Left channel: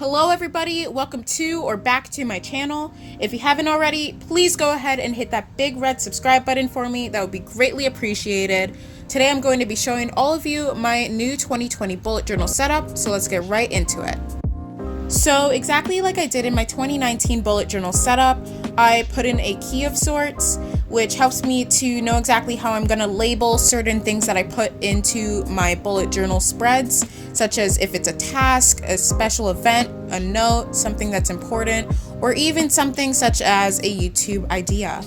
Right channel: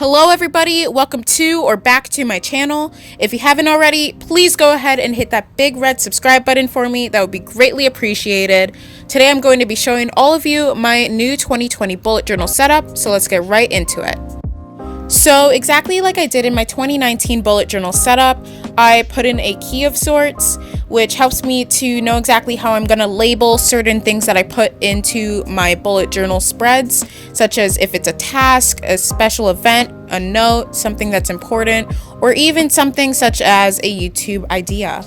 Hello everybody, welcome to or back to my channel. If you haven't already, please go ahead and hit that big red subscribe button for me. That would be greatly appreciated. Today I'm going to be showing all of you my new 2020 bullet journal setup, so let's get right into it. So exactly like I did in my 2019 bullet journal setup, I put in a key of sorts, which helps me to know exactly how I'm going to label certain things that I put into my bullet journal spreads, such as if it's a task, a special event, a note, something that's important, or even something such as a YouTube idea.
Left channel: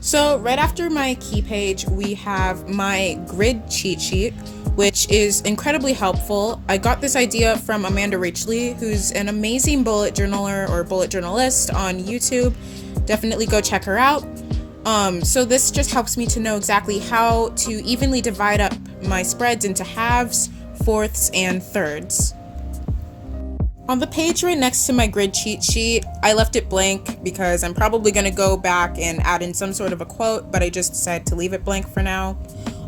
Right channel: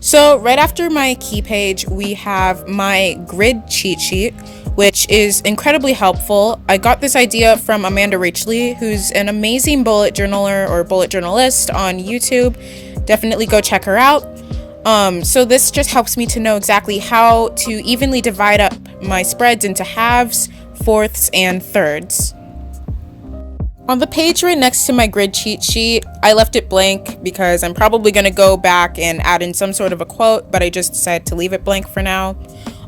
So right after my key page, we have my grid cheat sheet, which is incredibly helpful. I got this idea from Amanda Rachley, who's an amazing bullet journaler or bullet journalist on YouTube. Definitely go check her out. So this just helps me to know exactly how to evenly divide up my spreads into halves, fourths, and thirds. On the page right next to my grid cheat sheet, I left it blank because I'm probably going to go back and add in some sort of a quote, but I just decided to leave it blank for now.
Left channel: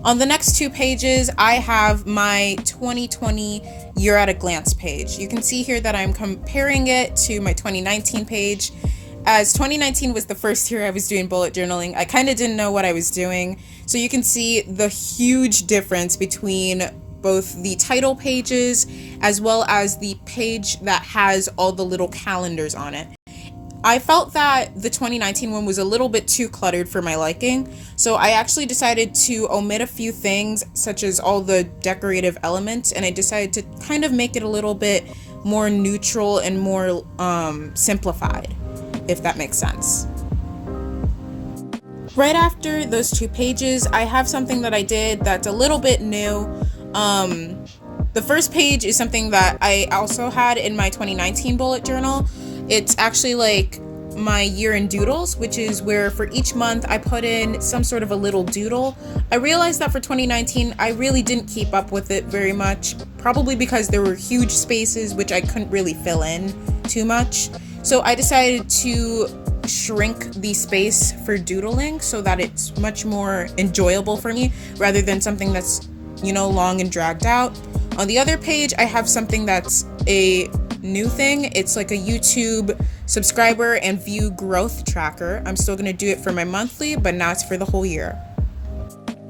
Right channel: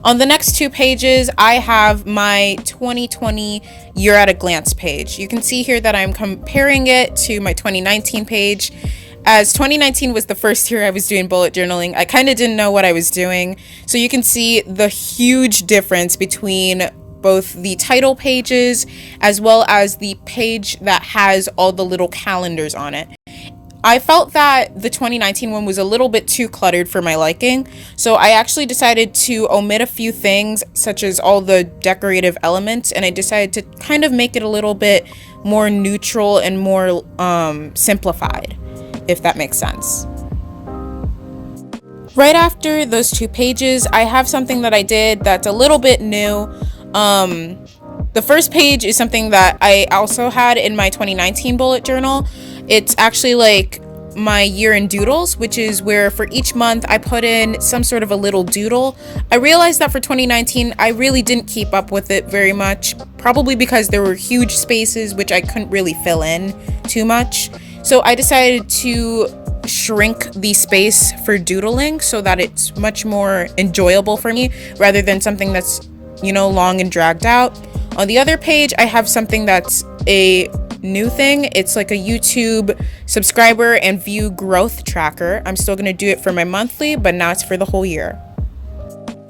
On the next two pages, I have my 2020 year at a glance page. You can see here that I'm comparing it to my 2019 page. As 2019 was the first year I was doing bullet journaling, I kind of didn't know what I was doing. So you can see the huge difference between both the title pages as well as the page that has all the little calendars on it. I felt that the 2019 one was a little bit too cluttered for my liking, so I actually decided to omit a few things, such as all the decorative elements, and I decided to kind of make it a little bit more neutral and more simplified, if that makes sense. Right after those two pages, I have something that I did that's a little bit new. The first page is something that I also had in my 2019 bullet journal. It's actually like my year in doodles, which is where for each month I put in some sort of a little doodle. I realized that for 2019, I really didn't keep up with it very much, probably because there were huge spaces which I couldn't really fill in too much. So I decided to shrink the space for doodling so that it's much more enjoyable for me rather than something that's, long and dragged out. On the other page, I have something that's a new thing. It's like a YouTube subscriber and view growth tracker. I'm still going to do it for my monthly, but now it's for the whole year.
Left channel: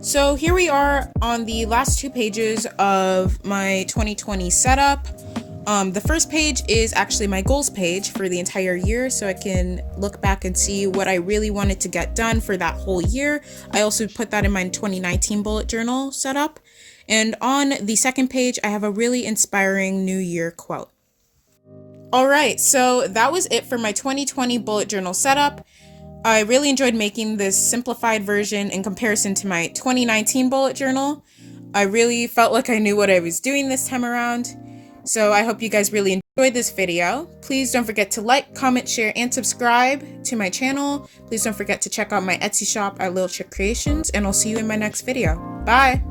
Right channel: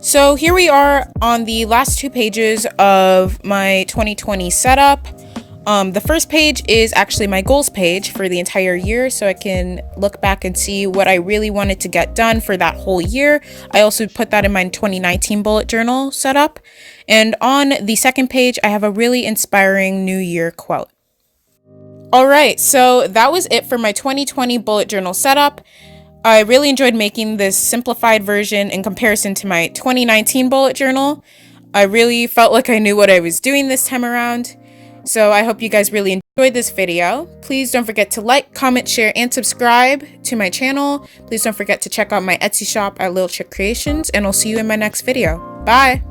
So here we are on the last two pages of my 2020 setup. The first page is actually my goals page for the entire year, so I can look back and see what I really wanted to get done for that whole year. I also put that in my 2019 bullet journal setup. And on the second page, I have a really inspiring New Year quote. All right, so that was it for my 2020 bullet journal setup. I really enjoyed making this simplified version in comparison to my 2019 bullet journal. I really felt like I knew what I was doing this time around. So I hope you guys really enjoyed this video. Please don't forget to like, comment, share, and subscribe to my channel. Please don't forget to check out my Etsy shop at Little Chick Creations, and I'll see you in my next video. Bye!